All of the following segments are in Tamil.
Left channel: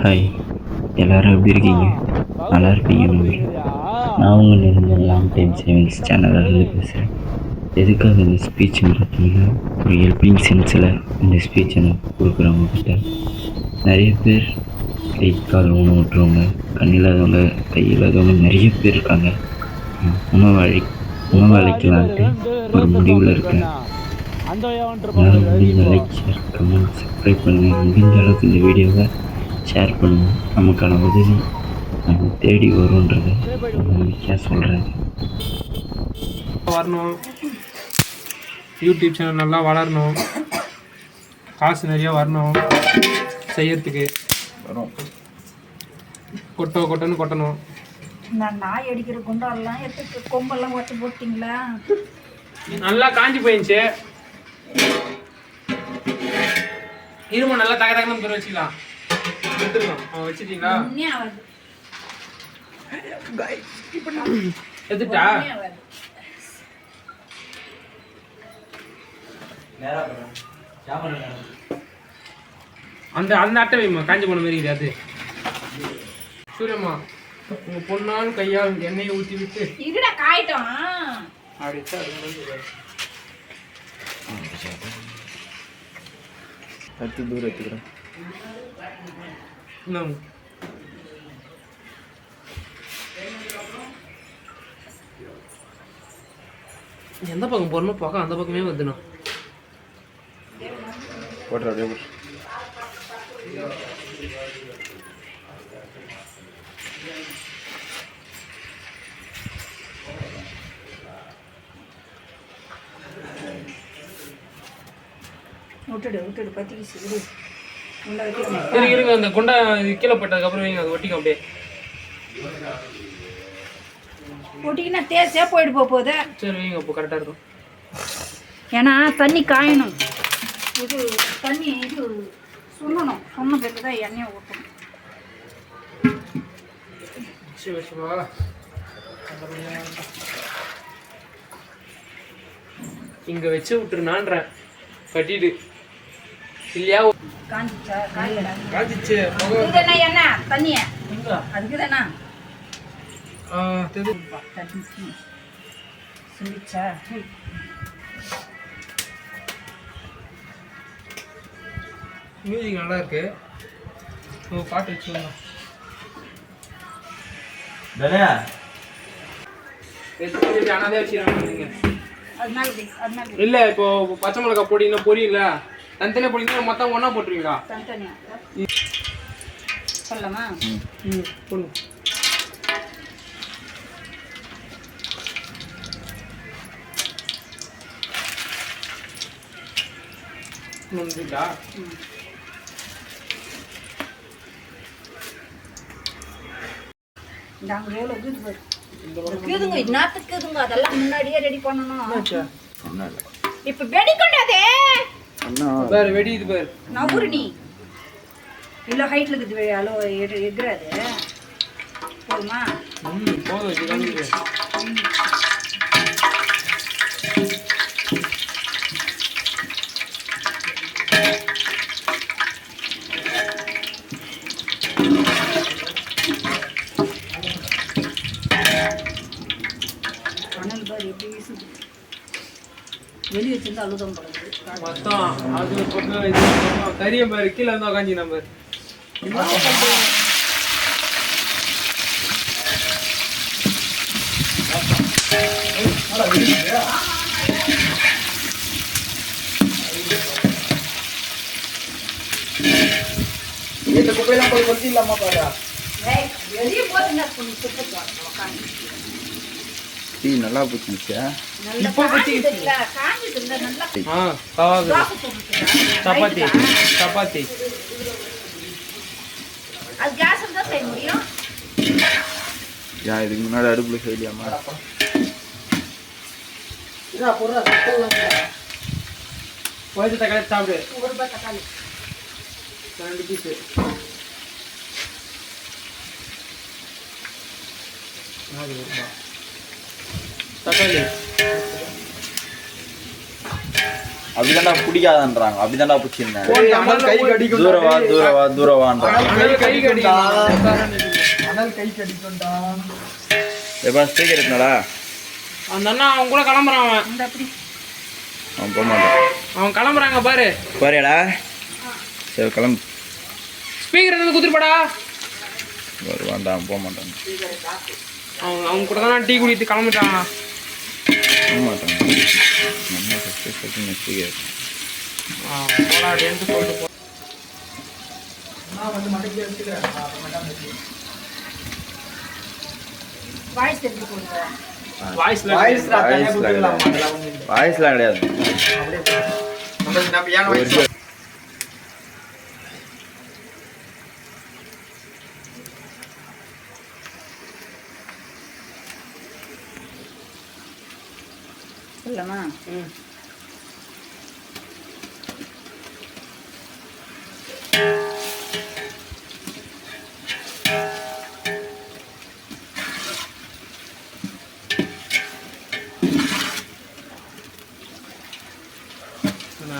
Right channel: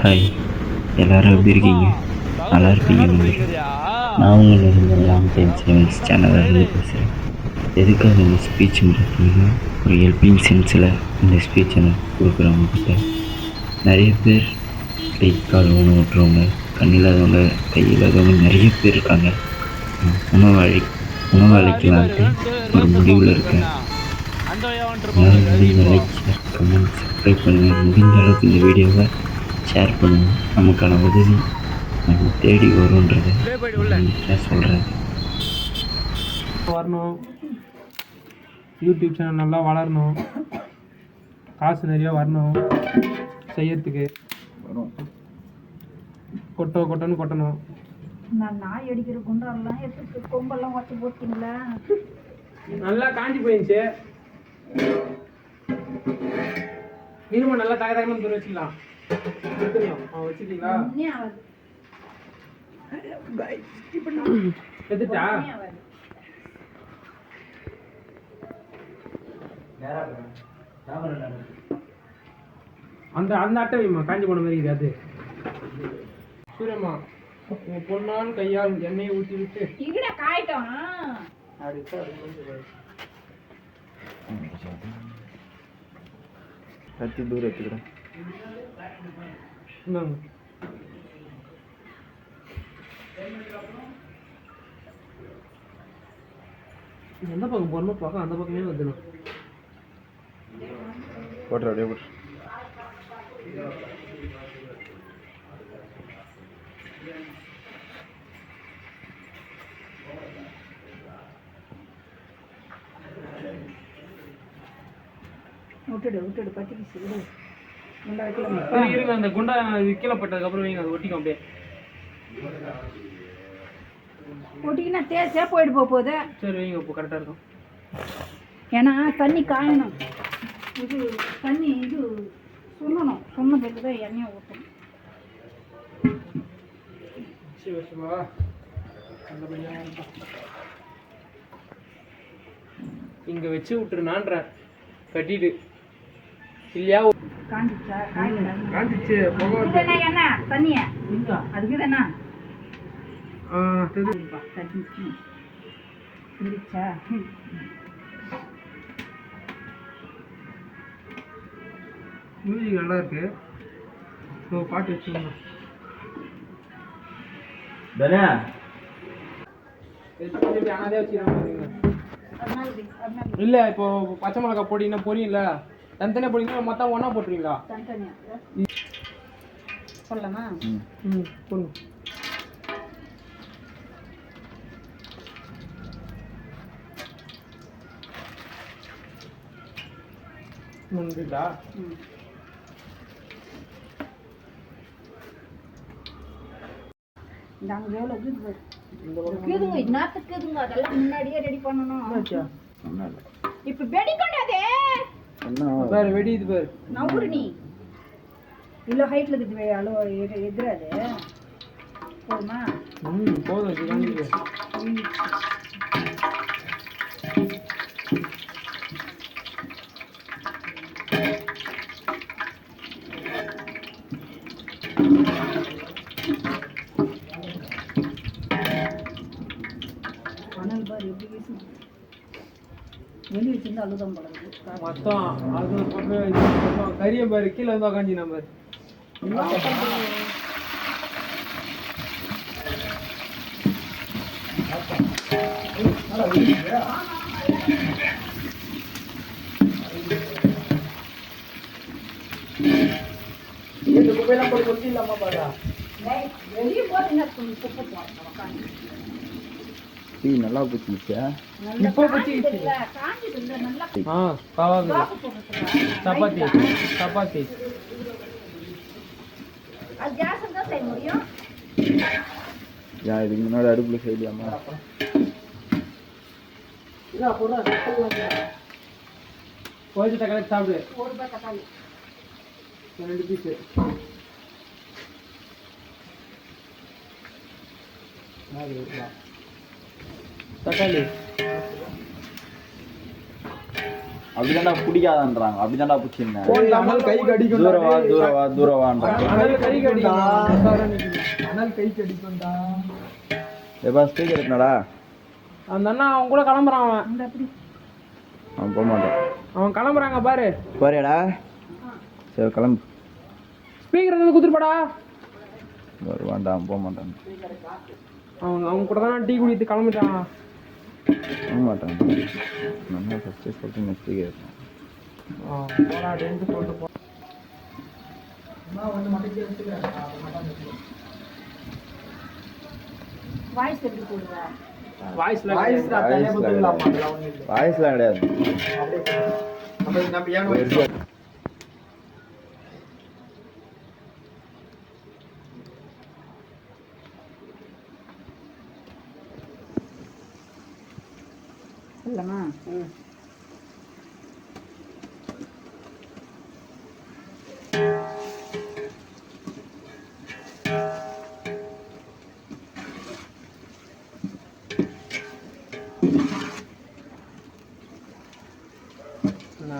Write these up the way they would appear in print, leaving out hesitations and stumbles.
ஹாய், எல்லோரும் எப்படி இருக்கீங்க? நல்லா இருப்பீங்கன்னு நம்புகிறேன். நான் உங்கள் நிரந்தர லாங் டைம் சேவிங்ஸ் சேனலிருந்து பேசுகிறேன். எதுக்காக இந்த ஸ்பீச்சுன்னு பார்த்தீங்கன்னா, ஒரு ஹெல்பிங் சென்ஸில் இந்த ஸ்பீச்சை நான் கொடுக்குறவங்கக்கிட்ட நிறைய பேர் கை கால் ஊனமுற்றவங்க, கண் இல்லாதவங்க, கை இல்லாதவங்க நிறைய பேர் இருக்காங்க. உணவளிக்கலான்ட்டு ஒரு முடிவில் இருக்கேன். என்னால் முடிஞ்ச லைக், ஷேர், கமெண்ட், சப்ஸ்கிரைப் பண்ணுங்கள். முடிஞ்ச அளவுக்கு இந்த வீடியோவை ஷேர் பண்ணுவோம். நமக்கான உதவி நம்ம தேடி வரும்ன்றதை நம்பிக்கையாக சொல்கிறேன். வரணும், யூடியூப் சேனல் நல்லா வளரணும், காசு நிறையா வரணும், செய்யறதுக்கு கொட்டன்னு கொட்டணும். நாய் அடிக்கிற குண்டாலாம் எடுத்து கொம்பெல்லாம் ஒட்டி போட்டிங்களா? நல்லா காஞ்சி போயிடுச்சு. இரும நல்லா தக தகன்னு வச்சுக்கலாம். வச்சுட்டீங்களா? எடுத்துட்டா அந்த அந்த அட்டை வைமா, காஞ்சி போன மாதிரி அது. சூரியம்மா, உங்க பொண்ணால் கையால் எண்ணெயை ஊற்றி விட்டு இதுடா காயிட்டோம் அப்படிச்சா கத்தி தூரம் எடுத்துக்கிறேன். எந்த பக்கம் போறணும், பக்கம் அந்த பக்கமே வந்துடும். போட்டுற அப்படியே போட்டு. விட்டுடு பத்திக்கிச்சு விடு. இருங்க, அந்த குண்டா கீழே போட்டதுக்கு அப்புறம் வைங்க, அது ஒட்டிக்கும் அப்படியே. ஒட்டிக்கினா தேய்ச்சே போயிட்டு போகுது. சரி வைங்க, இப்போ கரெக்டாக இருக்கும். ஏன்னா தண்ணி காயணும், இது தண்ணி இது சுண்ணணும், சொன்ன பிறகு தான் எண்ணெயை ஊற்றணும். இங்கே வச்சு விட்டுருனான்றேன், கட்டிட்டு இல்லையா? காஞ்சிச்சா? காஞ்சிச்சு. என்ன தண்ணிய அதுக்கு தானே சிரிச்சா? மியூசிக் நல்லா இருக்கு. உங்கள் பாட்டு வச்சுக்கோங்க. இல்லை, இப்போ பச்சை மிளகா பொடினா பொரியல தனித்தனியாக பொடினா மொத்தம் ஒன்றா போட்டுருவீங்களா? தனித்தனியாக சொல்லலாமா? போடுங்க. வந்துட்டா அதெல்லாம் முன்னாடியே ரெடி பண்ணணும். இப்ப வெடிக்கொண்டாதே பாரு, வெடி இது பாரு. நவுரு நீ இல்ல ஹைட்ல இருக்குது, அளோ எகுறாது. போதுமா? போதும். வெளியே வச்சிருந்து அழுதம் பழகுது மொத்தம். அது கரியம் பாரு, கீழே இருந்தா காஞ்சி நம்பர். இந்த குப்பையெல்லாம் போய் கொத்தி இல்லாமா பாரு. வெளியே போட்டு குப்பை போடணும். டீ நல்லா போச்சுச்சா? இப்போ போச்சுச்சு. சப்பாத்தி சப்பாத்தி அது கேஸ்ல தான் செய்ய முடியும். இதுக்கு முன்னாடி அடுப்புல செய்யலாமா? கொஞ்சம் தக்காளி சாப்பிடு. 1 ரூபாய் தக்காளி 2 பீஸு. தக்காளி அப்படிதான்டா பிடிக்காதன்றாங்க. அப்படிதான்டா பிடிச்சிருந்தேன். கை கடிக்கும். தூரவான்றாங்க. கை கடிக்கும். எப்பா ஸ்பீக்கர் எடுத்துனாடா? அந்த அண்ணா அவன் கூட கிளம்புறான். அவன் போக மாட்டான். அவன் கிளம்புறாங்க பாரு. பாருடா. சரி கிளம்பு. ஸ்பீக்கர் எடுத்து குத்துருப்பாடா. வருவான்டான், போக மாட்டான். அவங்க கூட தான் டீ குடித்து கிளம்பிட்டான். போக மாட்டான். நம்ம ஃபஸ்ட்டு சொல்லிட்டு ஸ்பீக்கர் போடாடேன்ட்டு சொல்லிட்டு போ. வாய்ஸ்லாம் கிடையாது. இல்லைம்மா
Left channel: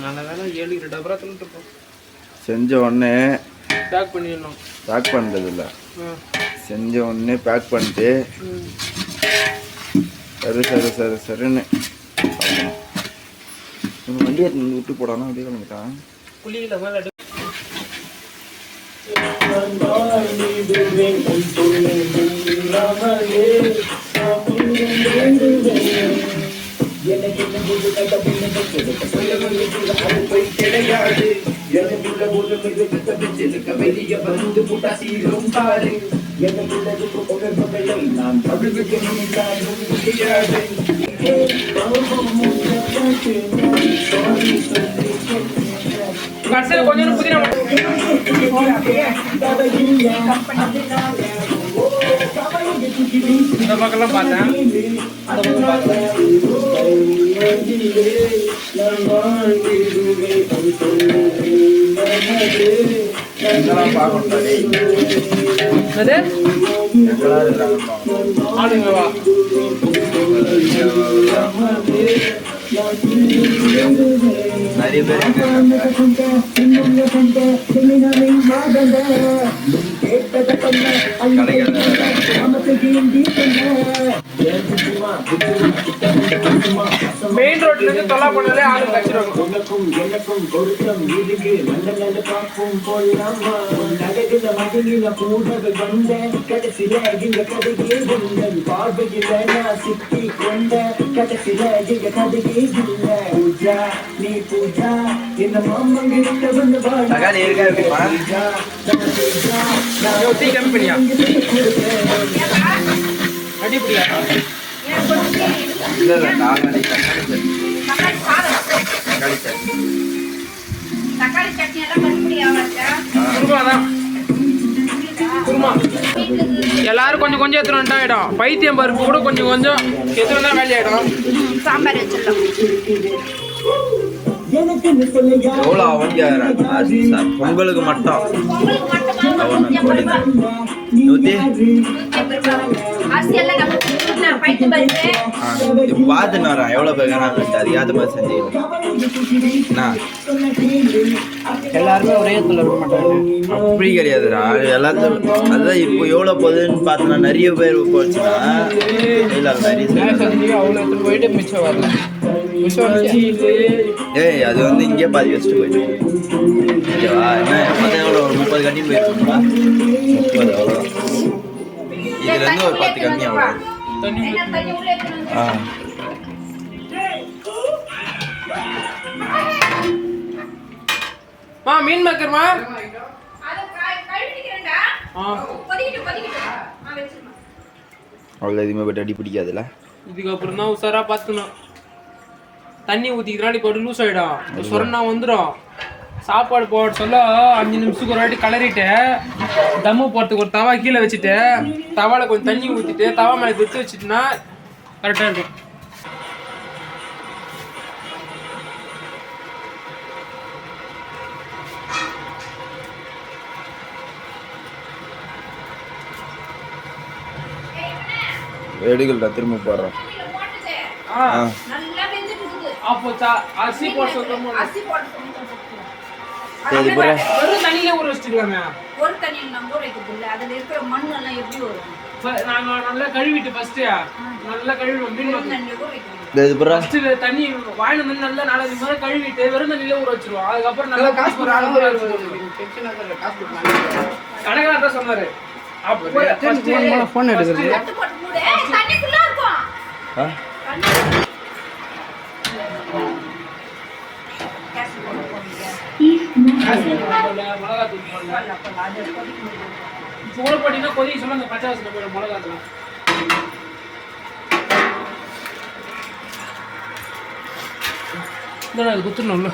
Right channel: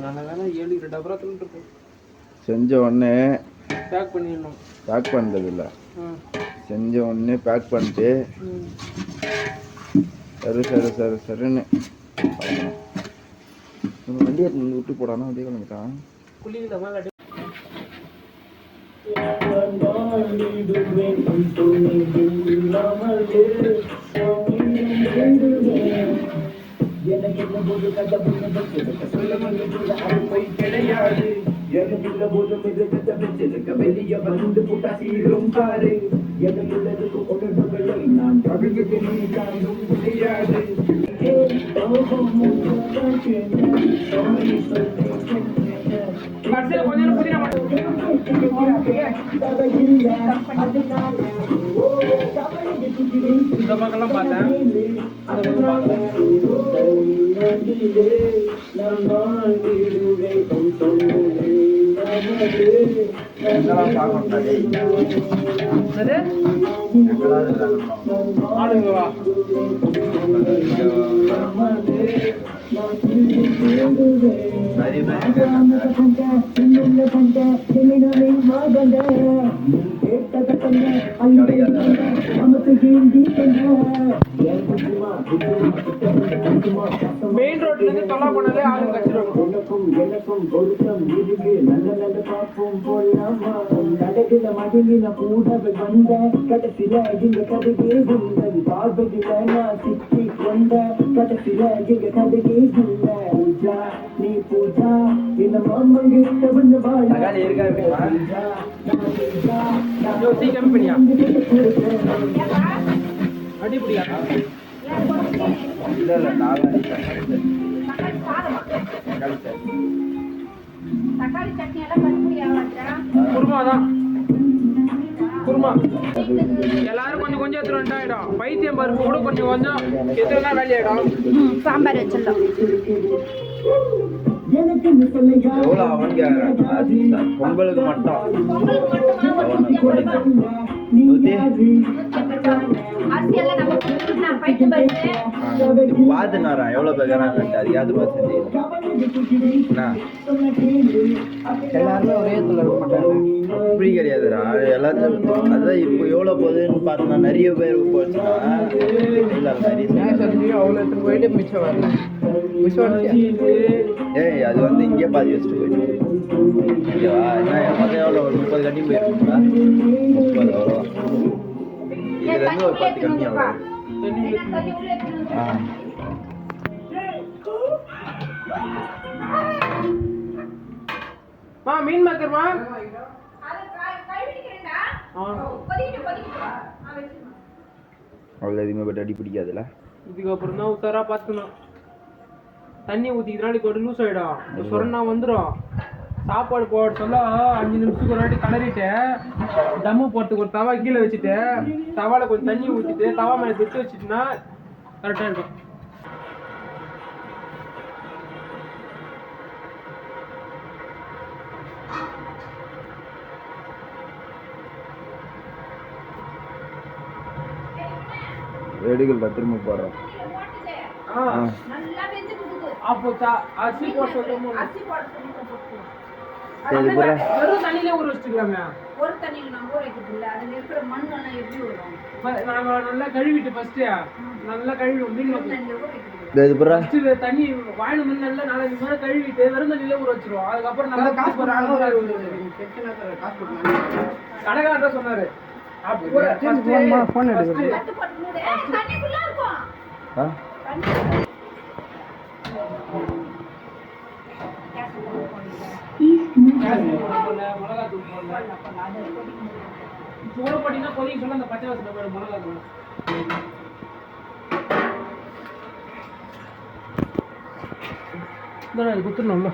நல்ல வேலை 7 டபரா தின்னுட்டு போ. செஞ்ச உடனே பேக் பண்ணிடணும். பேக் பண்ணுறது இல்லை, செஞ்ச உடனே பேக் பண்ணிட்டு சரின்னு வண்டி எடுத்து விட்டு போடானா அப்படியே கிளம்பிட்டான். குளிக்கல மேலே கடைசியில் கொஞ்சம் புதினா இந்த பக்கம்லாம் பார்த்தேன். ஆளுங்களா நிறைய பேர் மெயின் ரோட்ல இருந்து தொல்லா பண்ணாலே ஆளு டீ கம்பெனியா அடிப்படியா தக்காளி சட்னி எல்லாம் குருமா தான் குருமா. எல்லாரும் கொஞ்சம் கொஞ்சம் எடுத்துட்டு வந்துட்டாயிடும். பைத்தியம் பருப்பு கூட கொஞ்சம் கொஞ்சம் எடுத்துட்டு தான் வேலையாயிடும். சாம்பார் வச்சிடலாம். எவ்வளோ அவங்க பொங்கலுக்கு மட்டும் பார்த்துன்னு வரேன் எவ்வளோ பேர் அதிகாத மாதிரி செஞ்சு எல்லாருமே ஒரே இடத்துல இருக்க மாட்டாங்க. அப்படி கிடையாதுடா, எல்லாத்தையும் அதுதான் இப்போ எவ்வளோ போகுதுன்னு பார்த்தோன்னா நிறைய பேர் போச்சுன்னா இல்லை நிறைய அவ்வளோ எடுத்துட்டு போயிட்டு மிச்சம் வரல. ஏய் அது வந்து இங்கே பாதி வச்சுட்டு போயிட்டு ஓகேவா? என்ன எவ்வளோ ஒரு 30 கண்ணி போயிருக்கோம்னா 30 அவ்வளோ. இதுலேருந்து ஒரு 10 கண்ணி அவ்வளோ. மீன் மேக்கர்மா அவ்வளோ எதுவுமே பட் அடி பிடிக்காதுல்ல. இதுக்கப்புறம் தான் உஷாரா பார்த்துக்கணும். தண்ணி ஊற்றிக்கிறனால இப்போ லூஸ் ஆகிடும், சொன்னா வந்துடும். சாப்பாடு போட சொல்ல 5 நிமிஷத்துக்கு ஒரு வாட்டி கலரிட்டு தம்மு போடுறதுக்கு ஒரு தவா கீழே வச்சுட்டு தவாவில் கொஞ்சம் தண்ணி ஊற்றிட்டு தவா மேலே எடுத்து வச்சுட்டுனா கரெக்டாக இருக்கும். எடுக்கலடா, திரும்ப போடுறேன். அப்போ அரிசி போட சொல்றோமோ அரிசி போட சொல்லிட்டு போட்டுக்கலாம். சரி புற வெறும் தண்ணியிலே ஊற வச்சுக்கலாமே. ஒரு தண்ணியில் நம்ம ஊற வைக்கிறது இல்லை, அதில் இருக்கிற மண்ணெல்லாம் எப்படி வரும்? நாங்க நல்லா கழுவிட்டு ஃபர்ஸ்ட் நல்லா கழுவிடுவோம். மீன் வெறும் தண்ணியில் ஊற வைக்கிறது. இது புற ஃபர்ஸ்ட் தண்ணி வாயில வந்து நல்லா 4-5 முறை கழுவிட்டு வெறும் தண்ணியிலே ஊற வச்சிருவோம். அதுக்கப்புறம் நல்லா காசு போற ஆளு ஊற வச்சிருவோம். கணக்காரர் தான் சொன்னாரு. அப்போ ஃபோன் எடுக்குது. தட்டு போட்டு மூடு. ஏய், தண்ணி ஃபுல்லா இருக்கும். ஆ தண்ணி கேஸ் போட்டு போடுங்க. மிளகாத்தூள் போடல. அது கொதிக்க முடியாது. சூட போட்டீங்கன்னா கொதிக்க சொல்ல அந்த பச்சை வாசனை போயிடும் மிளகாத்தூள். இதான் அது குத்துணும்ல.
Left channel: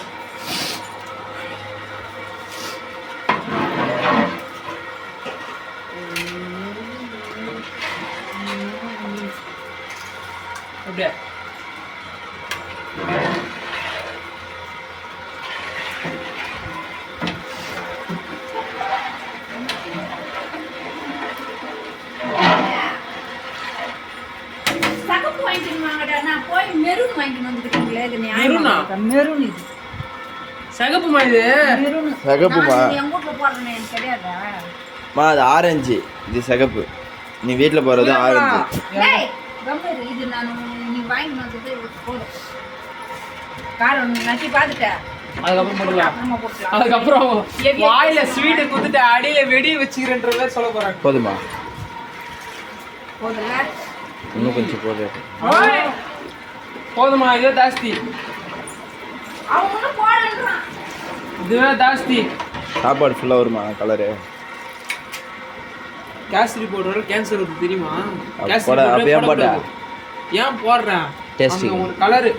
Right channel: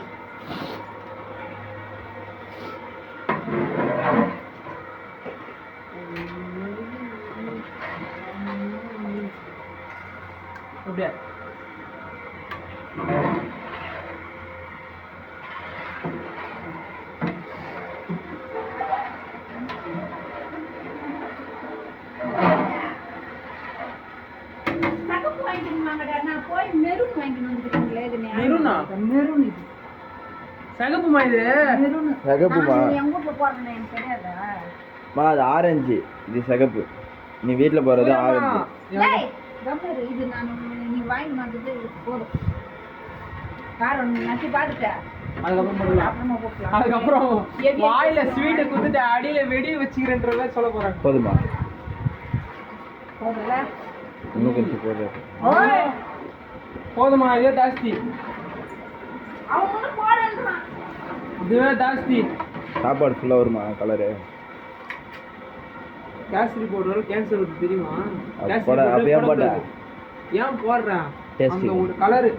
அப்படியே சகப்பு வாங்கிட்டு வாங்கடா. நான் போய் மெரூன் வாங்கிட்டு வந்துக்கிட்டீங்களே. இது மெரூனா? மெரூன் இது. சகப்புமா இது? மெரூன். சகப்புமா? நான் எங்க வீட்ல போடுறேன்னு எனக்கு தெரியாதா? மா அது ஆரஞ்சு, இது சிகப்பு. நீ வீட்டில் போகிறது ஆரஞ்சு. டேய், கம்பேரு இது நான் நீ வாங்கி வந்தது போதும். காரம் நட்டி பார்த்துட்டேன். அதுக்கப்புறம் போடலாம். அப்புறமா போட்டுக்கலாம். அதுக்கப்புறம் வாயில ஸ்வீட்டை குத்துட்டு அடியில வெடி வச்சுக்கிறேன்ற மாதிரி சொல்ல போறாங்க. போதுமா? போதும்ல? இன்னும் கொஞ்சம் போதும். ஓய், போதுமா? இதே ஜாஸ்தி, அவன் ஒன்றும் போடன்றான். இதுவே ஜாஸ்தி. சாப்பாடு ஃபுல்லாக வருமா கலரு? கேசரி பவுடர் கேன்சர் வருது தெரியுமா? அது கேசரி போட powder அப்படியே போடக்கூடாது. போட்டா? ஏன் போடுறேன்? Tasty. அந்த ஒரு கலரு.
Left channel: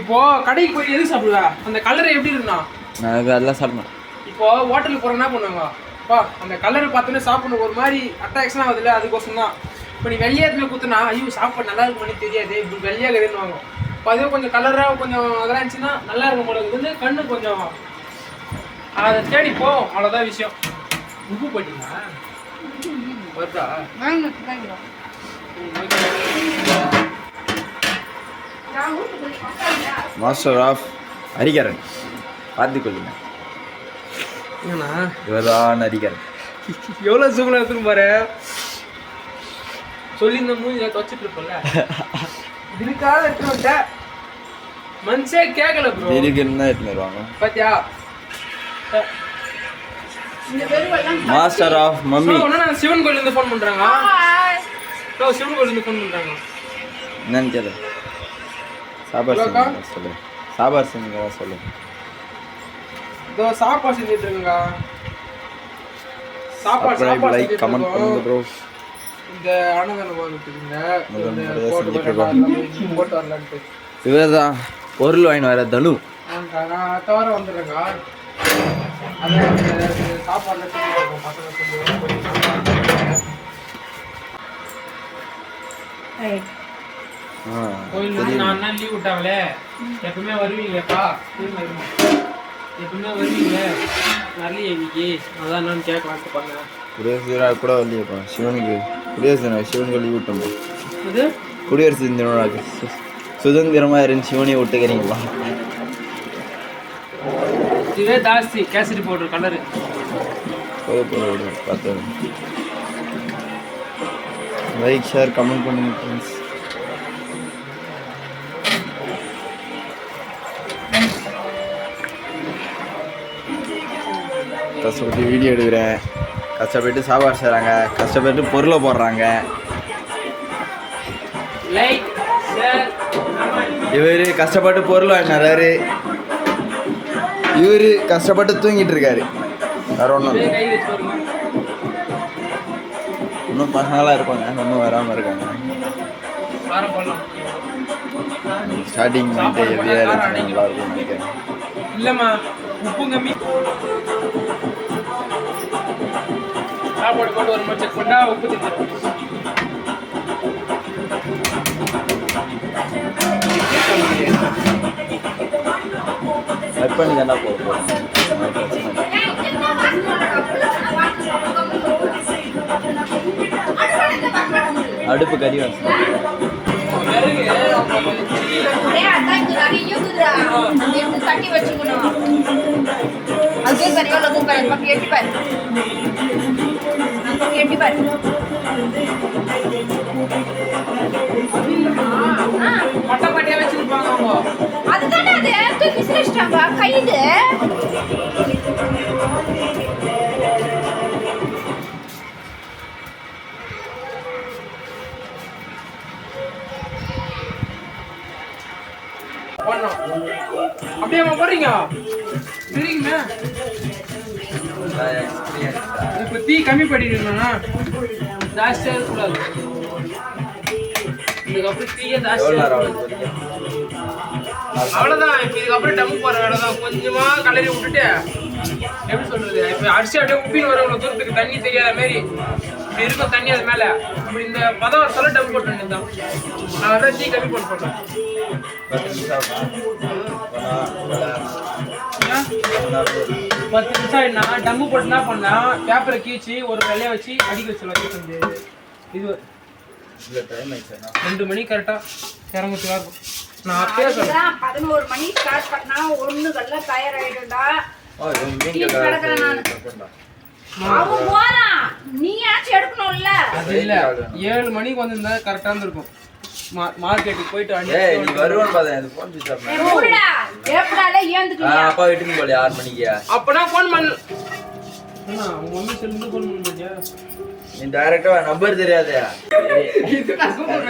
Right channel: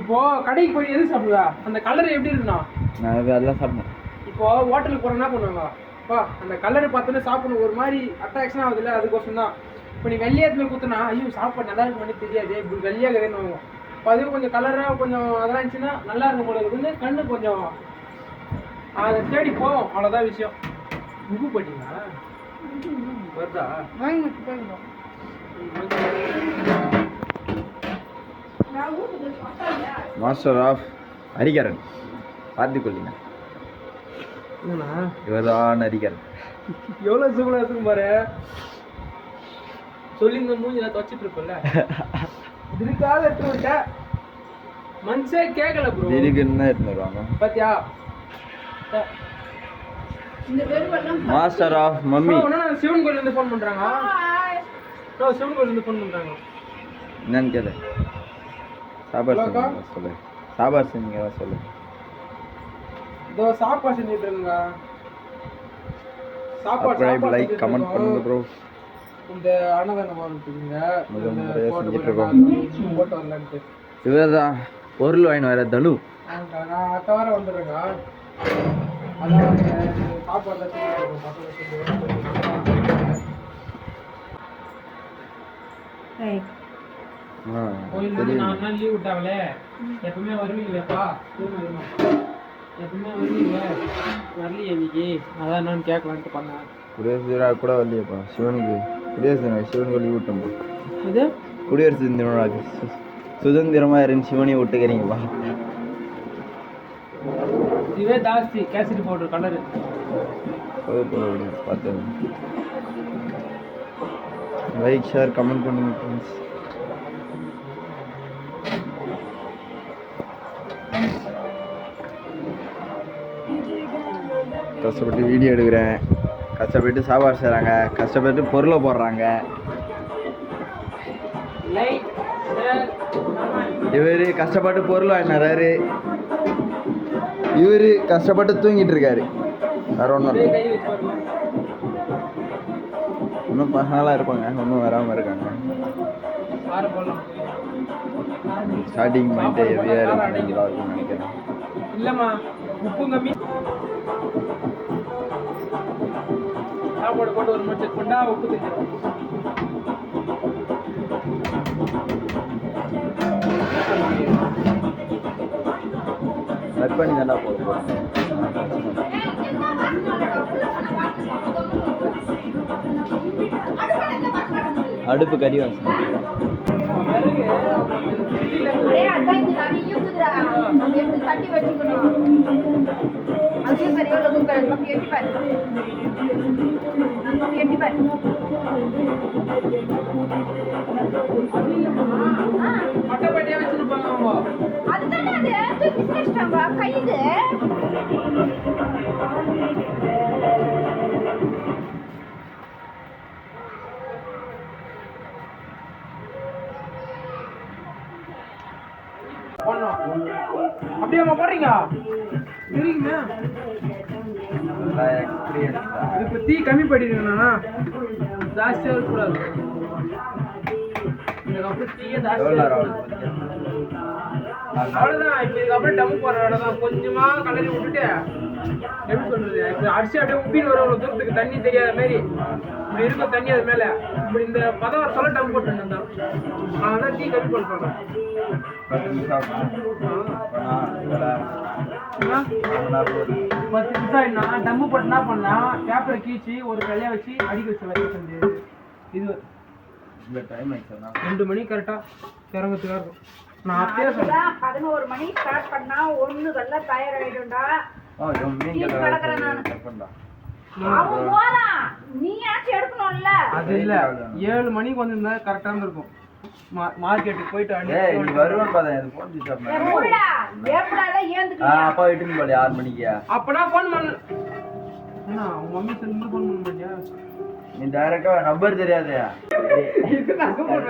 இப்போ கடைக்கு போய் எது சாப்பிடுவா? அந்த கலர் எப்படி இருக்குண்ணா? நான் அதெல்லாம் சாப்பிடணும். இப்போ ஹோட்டலுக்கு போற என்ன பண்ணுவாங்க? பா அந்த கலர் பார்த்தோன்னே சாப்பிடணும் ஒரு மாதிரி அட்ராக்ஷன் ஆகுதுல்ல, அதுக்கோசம் தான். இப்போ நீ வெள்ளையாத்துல குத்துனா ஐயோ சாப்பாடு நல்லா இருக்குமானே தெரியாது, இப்படி வெள்ளையாக இருக்குதுன்னு இப்போ அதுவும் கொஞ்சம் கலராக கொஞ்சம் அதெல்லாம் இருந்துச்சுன்னா நல்லா இருக்கும் போல இருக்குது. கண்ணு கொஞ்சம் அதை தேடி போவோம், அவ்வளோதான் விஷயம். உப்பு போட்டிங்களா? வருதா? வாங்கி வச்சுக்காங்க. நான் வீட்டுக்கு போய் உட்காருங்க. மாஸ்டர் ஆஃப் ஹரிகரன் பார்த்து கொள்ளுங்க. ஏண்ணா இவர்தான் ஹரிகரன். எவ்வளோ சுகுணம் எடுத்துன்னு பாரு. சொல்லி இந்த மூஞ்சி துவச்சிட்டு இருப்பல இதுக்காக எடுத்துட்டு வந்துட்டேன். மனுஷே கேட்கல ப்ரோ. ஹரிகரன் தான் எடுத்துன்னு வருவாங்க. பாத்தியா? இந்த வெறுவெல்லாம் மாஸ்டர் ஆஃப் மம்மி. நான் சிவன் கோயிலேருந்து ஃபோன் பண்ணுறாங்க. சிவன் கோயிலேருந்து ஃபோன் பண்ணுறாங்க. என்னன்னு கேளு. சாப்பாடு செஞ்சு சொல்லு. சாப்பாடு செஞ்சுங்க சொல்லு. இதோ சாப்பாடு செஞ்சுட்டு இருக்காங்க. சாப்பாடு லைக் கமெண்ட் பண்ணுங்க ப்ரோ. இந்த அன்னதானம் வாங்கிட்டுருங்க. முதல் முறையாக செஞ்சுட்டு இருக்கோம். போட்டு வரலான்ட்டு. இவர் தான் பொருள் வாங்கிட்டு வர தனு. நான் தவிர வந்துடுறேங்க. அதான் சாப்பாடுலாம் செஞ்சுட்டு இருக்கோம். பசங்க செஞ்சு கோயில் நான் தான் லீவ் விட்டாங்களே. எப்பவுமே வருவீங்களேப்பா? எப்பவுமே வருவீங்க வரலையே இன்னைக்கு, அதான் நான் கேட்கலான்ட்டு பண்ணேன். குடியரசு தின கூட வரலையப்பா சிவனுக்கு. குடியரசு தினம் சிவனுக்கு லீவ் விட்டோம். அது குடியரசு தினம் சுதந்திரமாக இருந்து சிவனையை விட்டுக்கிறீங்களா? இதுவே ஜாஸ்தி கேசரி பவுடர் கலரு. பார்த்து லைக் ஷேர் கமெண்ட் பண்ணுங்க ஃப்ரெண்ட்ஸ். கஷ்டப்பட்டு வீடியோ எடுக்கிறேன், கஷ்டப்பட்டு சாப்பாடு செய்கிறாங்க, கஷ்டப்பட்டு பொருளை போடுறாங்க. Like share comment. இவர் கஷ்டப்பட்டு பொருள் வாங்கினாரு, இவர் கஷ்டப்பட்டு தூங்கிட்டு இருக்காரு. வேற ஒன்றும் இல்லை. கை வச்சு வருமா? இன்னும் பசங்களாம் இருப்பாங்க, இன்னும் வராமல் இருக்காங்க. காரம் போடலாம். ஸ்டார்டிங் பண்ணிட்டு எப்படியா நல்லா இருக்கும்னு நினைக்கிறேன். இல்லைம்மா உப்பு கம்மி. சாப்பாடு போட்டு ஒரு மாதிரி செக் பண்ணா உப்பு தெரிஞ்சிடும். கட் பண்ணி தானே போகிறோம். அடுப்பு கறி வாசம். விறகு அதான் இங்க நிறைய இருக்குது. எடுத்து தட்டி வச்சுக்கணும். அது கறியோட குக்கர் பக்கம் எட்டிப்பாரு. எட்டிப்பாரு. மொட்டைப்பட்டியா வச்சிருப்பாங்க அவங்க. அதுதானே அது தூக்கி சிரிச்சிட்டாங்க கைது. அப்படியே போறீங்க சரிங்க. இப்ப தீ கம்மி பண்ணிடுங்கண்ணா, ஜாஸ்தியா இருக்கக்கூடாது. இதுக்கப்புறம் தீய ஜாஸ்தியா அவ்வளவுதான். இப்ப இதுக்கப்புறம் டம்மு போற வேலைதான். கொஞ்சமா கலரி விட்டுட்டு எப்படி சொல்றது, இப்ப அரிசி அப்படியே உப்பின்னு வர இவ்வளவு தூரத்துக்கு தண்ணி தெரியாத மாதிரி இப்படி இருக்கும் தண்ணி அது மேல. இப்படி இந்த பதம் சொல்ல டம்மு போட்டு தான் நான் தீ கம்மி போட்டு சொல்றேன். 10 நிமிஷம் ஆயிடுனா டம்மு போட்டு என்ன பண்ணா, பேப்பரை கீழ்ச்சி ஒரு கையில வச்சு அடிக்க வச்சு இது 2 மணி கரெக்டா இறங்கத்துக்கா இருக்கும். நான் அப்பயே சொல்றேன் 11 மணி ஸ்டார்ட் பண்ணா ஒண்ணு கல்ல தயாராயிடும்டா. அவன் போறான், நீயாச்சும் எடுக்கணும்ல. அது இல்ல 7 மணிக்கு வந்திருந்தா கரெக்டா இருக்கும். மார்க்கெட்டுக்கு போயிட்டு நீ வருவான்னு பார்த்தேன். அது ஃபோன் சுவிட்ச் ஆஃப் பண்ணு. எப்படா எப்படால ஏந்துக்கியா? அப்பா வீட்டுக்கு போல 6 மணிக்கு. அப்பனா ஃபோன் பண்ணு. அண்ணா உங்க மம்மி செல்லுங்க ஃபோன் பண்ணுங்க. நீ டைரக்டா நம்பர் தெரியாதே. இது நான் சூப்பர்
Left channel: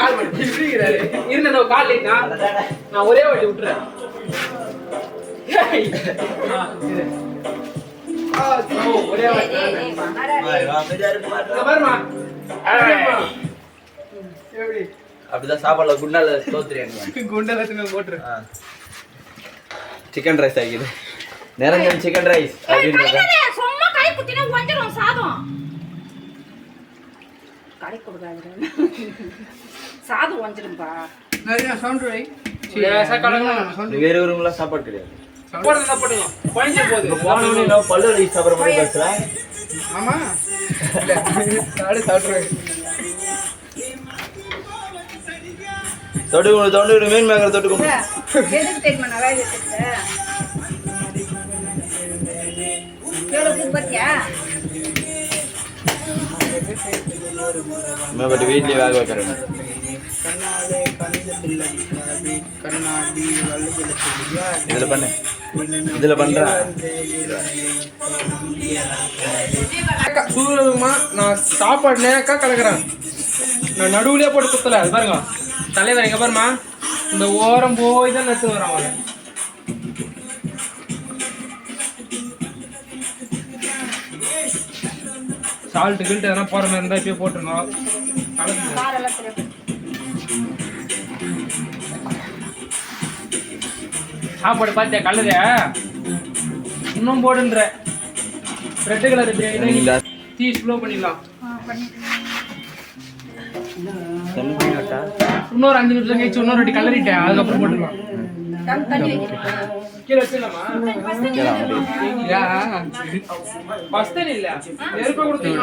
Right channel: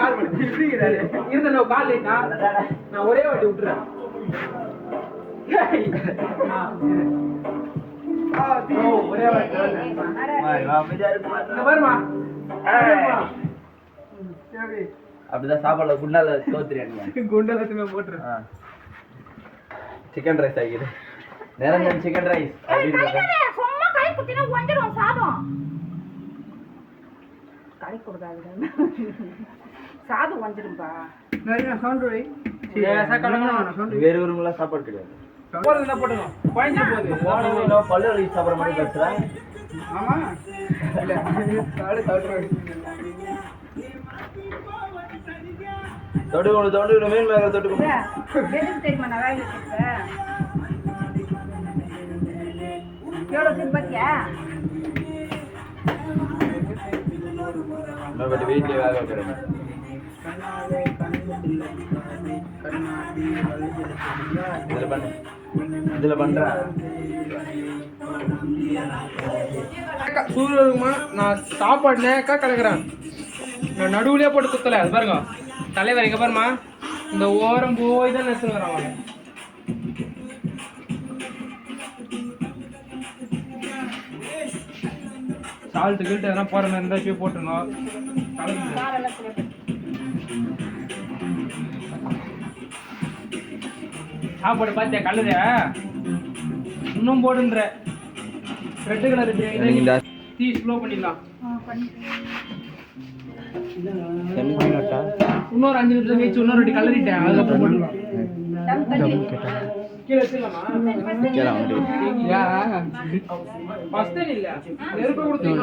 கால் பண்ணி இருக்கறாரு. இருந்த நான் கால் லைட்டா நான் ஒரே வாட்டி விட்டுறேன். ஒரே வாட்டி பாருமா. அப்படிதான் சாப்பாடுல குண்டால தோத்துறியா நீ? குண்டால எடுத்து போட்டுரு. சிக்கன் ரைஸ் ஆகிது. நிரஞ்சன் சிக்கன் ரைஸ் அப்படின்றத சும்மா கை குத்தினா வஞ்சிரும் சாதம். கை கொடுக்காதடா. சாதம் வஞ்சிரும்பா. நிறைய சவுண்ட் வை. லேசா கலங்கலாம் சவுண்ட். வேற ஊருங்கள சாப்பாடு கிடையாது. போடுங்க போடுங்க. பாயிண்ட் போகுது. போனீங்க பல்ல ரைஸ் சாப்பிடுற மாதிரி பேசுற. ஆமா. சாடி சாப்பிடுறேன். தொடு மீன் மேங்கற தொடு. எதுக்கு தெரியுமா நான் வேக வச்சிருக்கேன்? எவ்வளவு பத்தியா? मैं बट वीट ले वाला करना இதுல பண்றா சூரியமா நான் சாப்பாடு நேக்கா கலக்குறேன். நான் நடுவுலயே போட்டு குத்தல. அது பாருங்க தலைவர் எங்க பாருமா, இந்த ஓரம் போய் தான் நட்டு வராங்க. சால்ட்டு கில்ட்டு எதனா போகிற மாதிரி இருந்தால் இப்பயே போட்டுருங்க. சாப்பாடு பார்த்தியா கலரு இன்னும் போடுன்ற ரெட் கலர் தீ ஸ்லோ பண்ணிடலாம். இன்னொரு 5 நிமிஷம் கழிச்சு இன்னொரு ரெடி கலரிட்டேன். அதுக்கப்புறம் போட்டுக்கலாம். கீழே வச்சிடலாமா? ஃபர்ஸ்ட் இல்ல நெருப்ப கொடுத்தீங்க.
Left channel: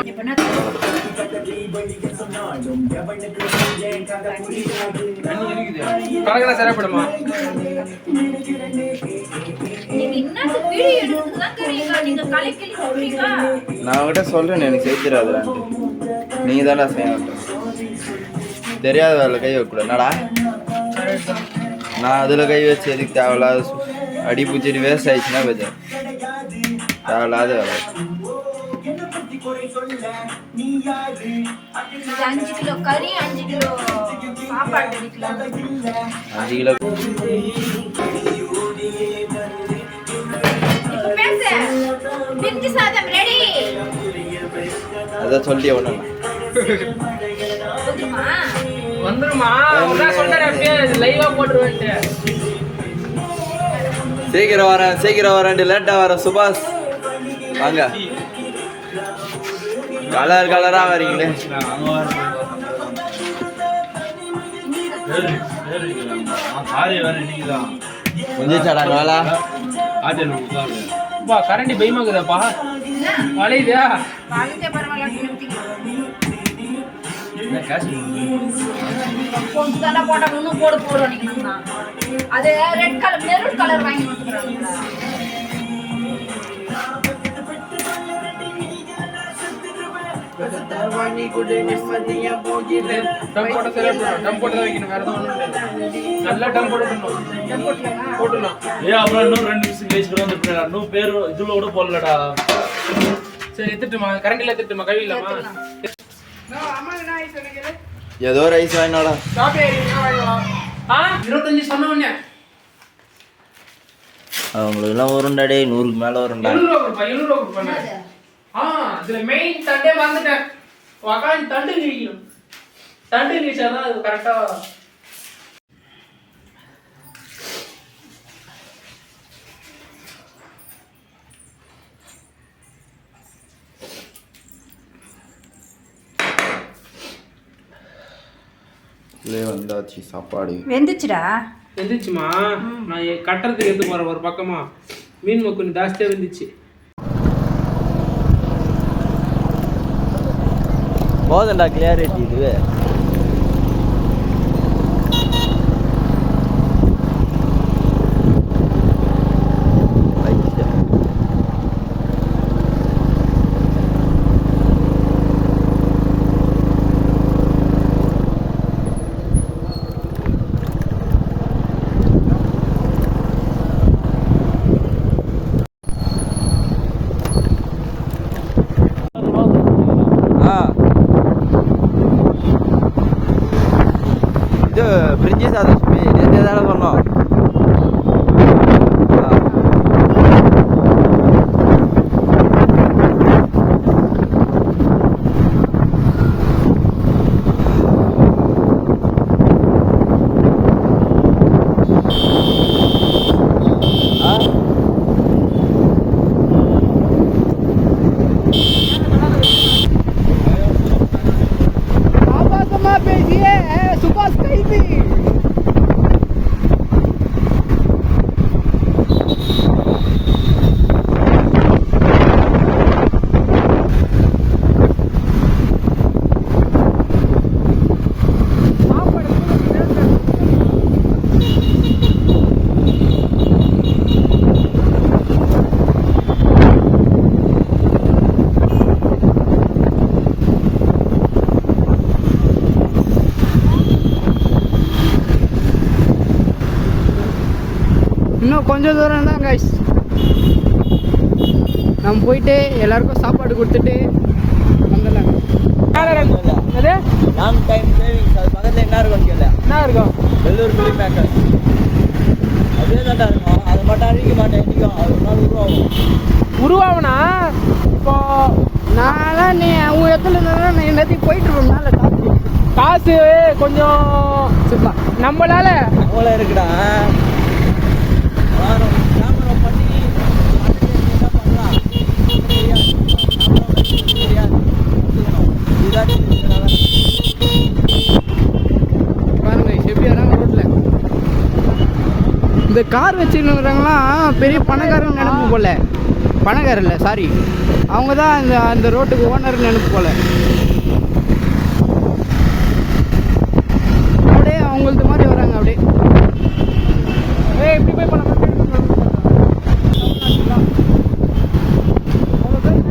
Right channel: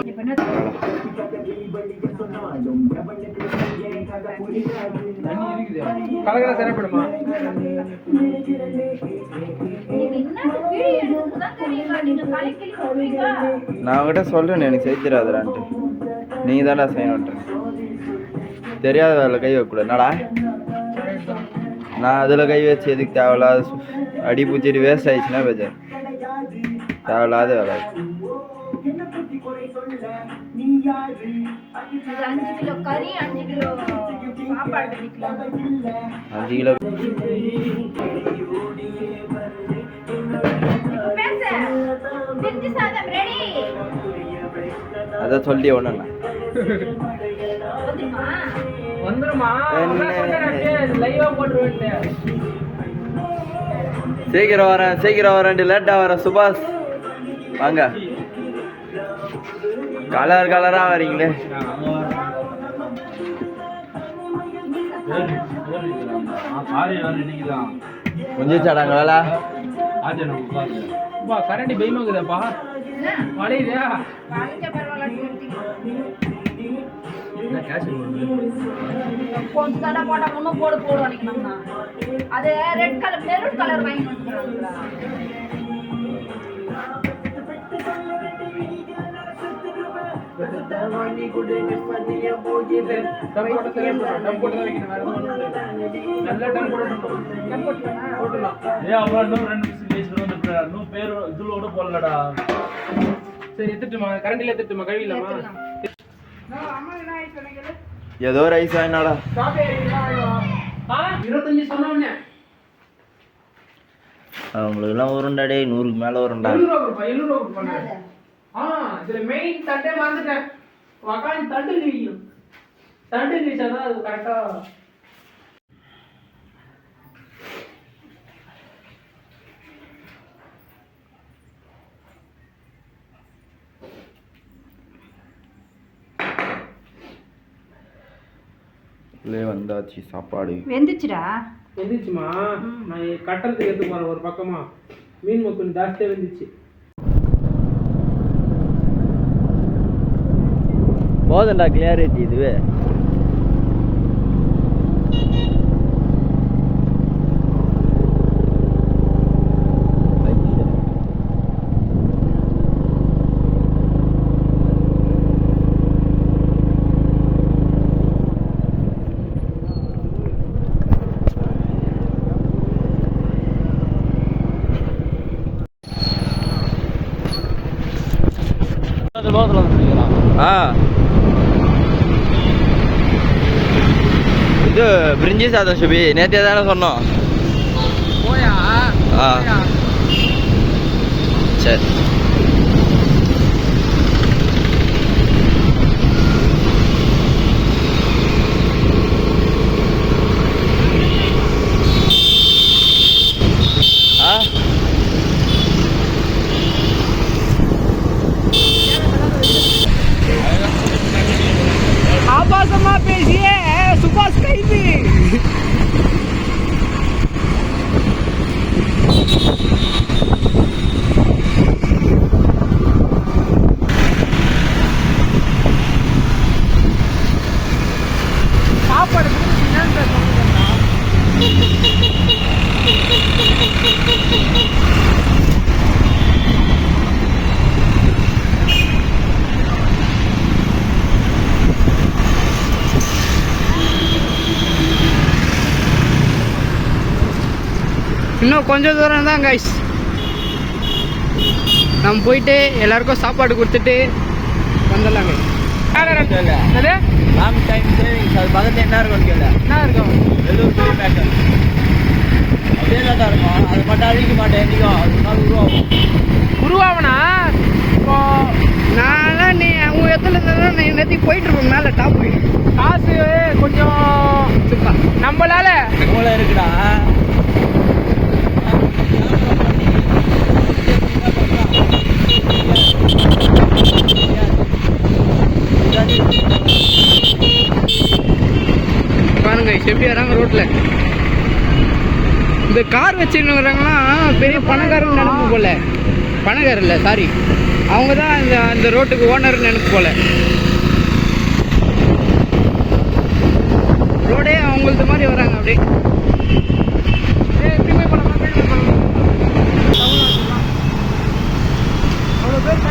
கலகல சரிப்படுமா? நான் உங்ககிட்ட சொல்றேன் எனக்கு செய்திராதுடான்ட்டு. நீங்க தானே செய்யணும். தெரியாத வேலை கை வைக்கக்கூடாது. என்னடா நான் அதில் கை வச்சு எதுக்கு தேவையில்லாத அடி பூச்சிட்டு வேஸ்ட் ஆயிடுச்சுன்னா பேஜர் தேவையில்லாத வேலை. 5 கிலோ கறி 5 கிலோ சாப்பாடு 5 கிலோ பிரிஞ்சி சாதம் ரெடி. அதான் சொல்லி ஒண்ணு வந்துருமா? அதான் சொல்றேன் அப்படியே லைவா போட்டுருவேன். சீக்கிரம் வரேன் லேட்டா வரேன். சுபாஷ் வாங்க. கலரா வரீங்களே. முடிஞ்சாடாங்க வேலை. கரண்டி பயமாக்குதாப்பா வளையுதா? கொஞ்சம் போட்டா இன்னும் போடுவோம் நினைக்கணும்னா அது ரெட் கலர் மெரூன் கலர் வாங்கி வந்துக்கிறாங்க. ஏதோ ரைஸ் வாங்கினாடா. 25 சொன்னவனே அவங்களுக்குலாம் வரும்டா டே, 100க்கு மேலே வரும்டா. 700 ரூபா கொடுப்பாங்க. இதுல மெயின் தண்டே மறந்துட்டேன். உக்காந்து தண்டு கிழிக்கணும். தண்டு கிழிச்சாதான் அது கரெக்டா. வந்தாச்சு சாப்பாடு. வெந்துச்சுடா. வெந்துச்சுமா? நான் கட்டுறதுக்கு எடுத்து போறேன் ஒரு பக்கமா. மீன் கொஞ்சம் ஜாஸ்தியா வெந்துச்சு. போதண்டா கிளியாரிட்டி இதுவே. இது பிரிஞ்சி சாதம் சுபி நேற்றே தானே சொன்னோம். சரி ஆபாசமா பேசியே சுபாஷ் கைது. இன்னும் கொஞ்சம் தூரம் தான் கைஸ். நம்ம போயிட்டு எல்லாருக்கும் சாப்பாடு கொடுத்துட்டு வந்துடலாங்க. என்ன இருக்கும் வெள்ளூர் புளி பேக்கர் அதே தான் இருக்கும். அது மட்டும் அழிக்க மாட்டேன். உருவாவனா இப்போ நான் நீ அவங்க இடத்துல இருந்தா நான் எல்லாத்தையும் போயிட்டு இருப்பேன் மேலே டாப்பு. காசு கொஞ்சம் சும்மா நம்மளால அவ்வளோ இருக்குடா. பாருங்க எப்படி வராங்க ரோட்ல. இந்த கார் வச்சுருக்கிறாங்களாம் பெரிய பணக்காரன்னு நினைப்பு போல. பணக்காரர் இல்லை, சாரி, அவங்க தான் இந்த ரோட்டுக்கு ஓனர் நினைப்பு போல. ரோடே அவங்களது மாதிரி வராங்க அப்படியே. இப்படி போய் பண்ணலாம். அவ்வளோ பேர்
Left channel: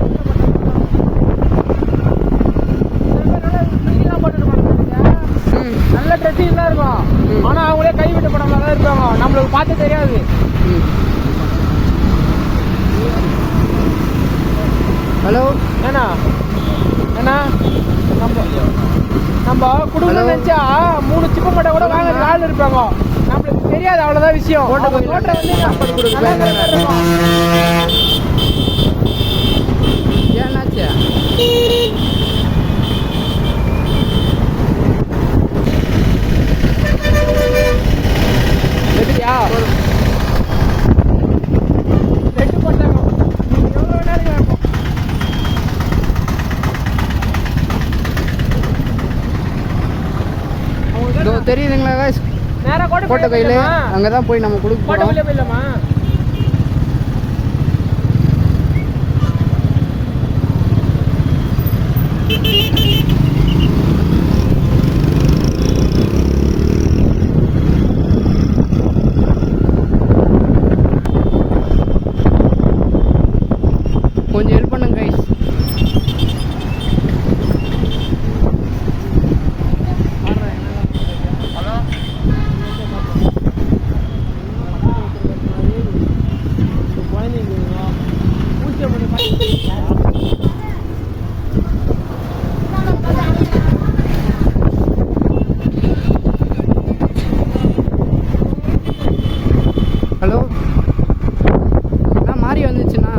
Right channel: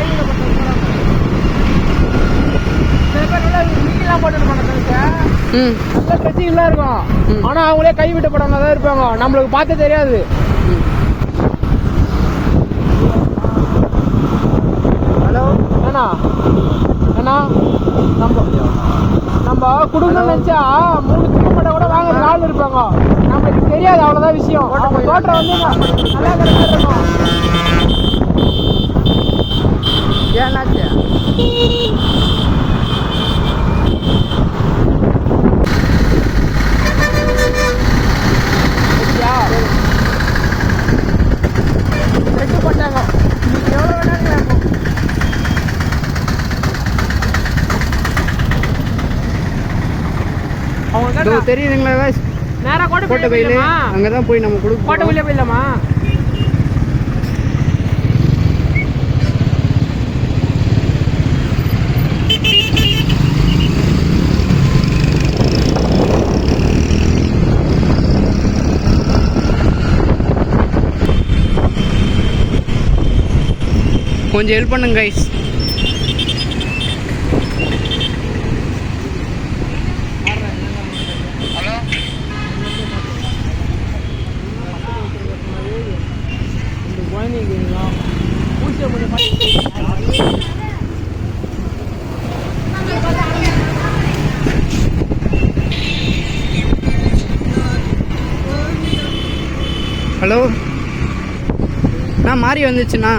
நல்ல டச்சிங்லாம் இருக்கும். ஆனால் அவங்களே கைவிட்ட படமாக தான் இருப்பாங்க. நம்மளுக்கு பார்த்து தெரியாது. ஹலோ ஏண்ணா ஏண்ணா நம்ம குடும்பம் நினச்சா 3 சின்ன பட்டை கூட வாங்குறதுக்கு ஆள் இருப்பாங்க. நம்மளுக்கு தெரியாது, அவ்வளோதான் விஷயம். தோட்டம் வந்து ஏன்னாச்சு தெரியுதுங்களா கோட்டை கையில் அங்கே தான் போய் நம்ம கொடுக்க போயிடலாமா? கொஞ்சம் ஹெல்ப் பண்ணுங்க கைஸ். ஹலோ மாறி வந்துச்சுண்ணா.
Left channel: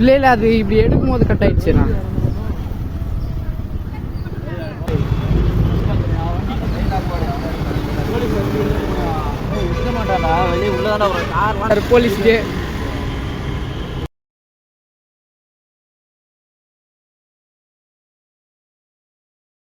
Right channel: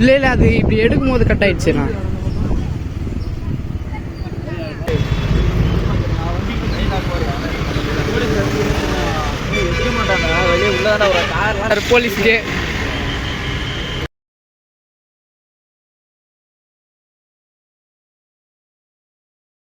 இல்லை அது இப்படி எடுக்கும் போது கட் ஆயிடுச்சுண்ணா. போலீஸ்க்கு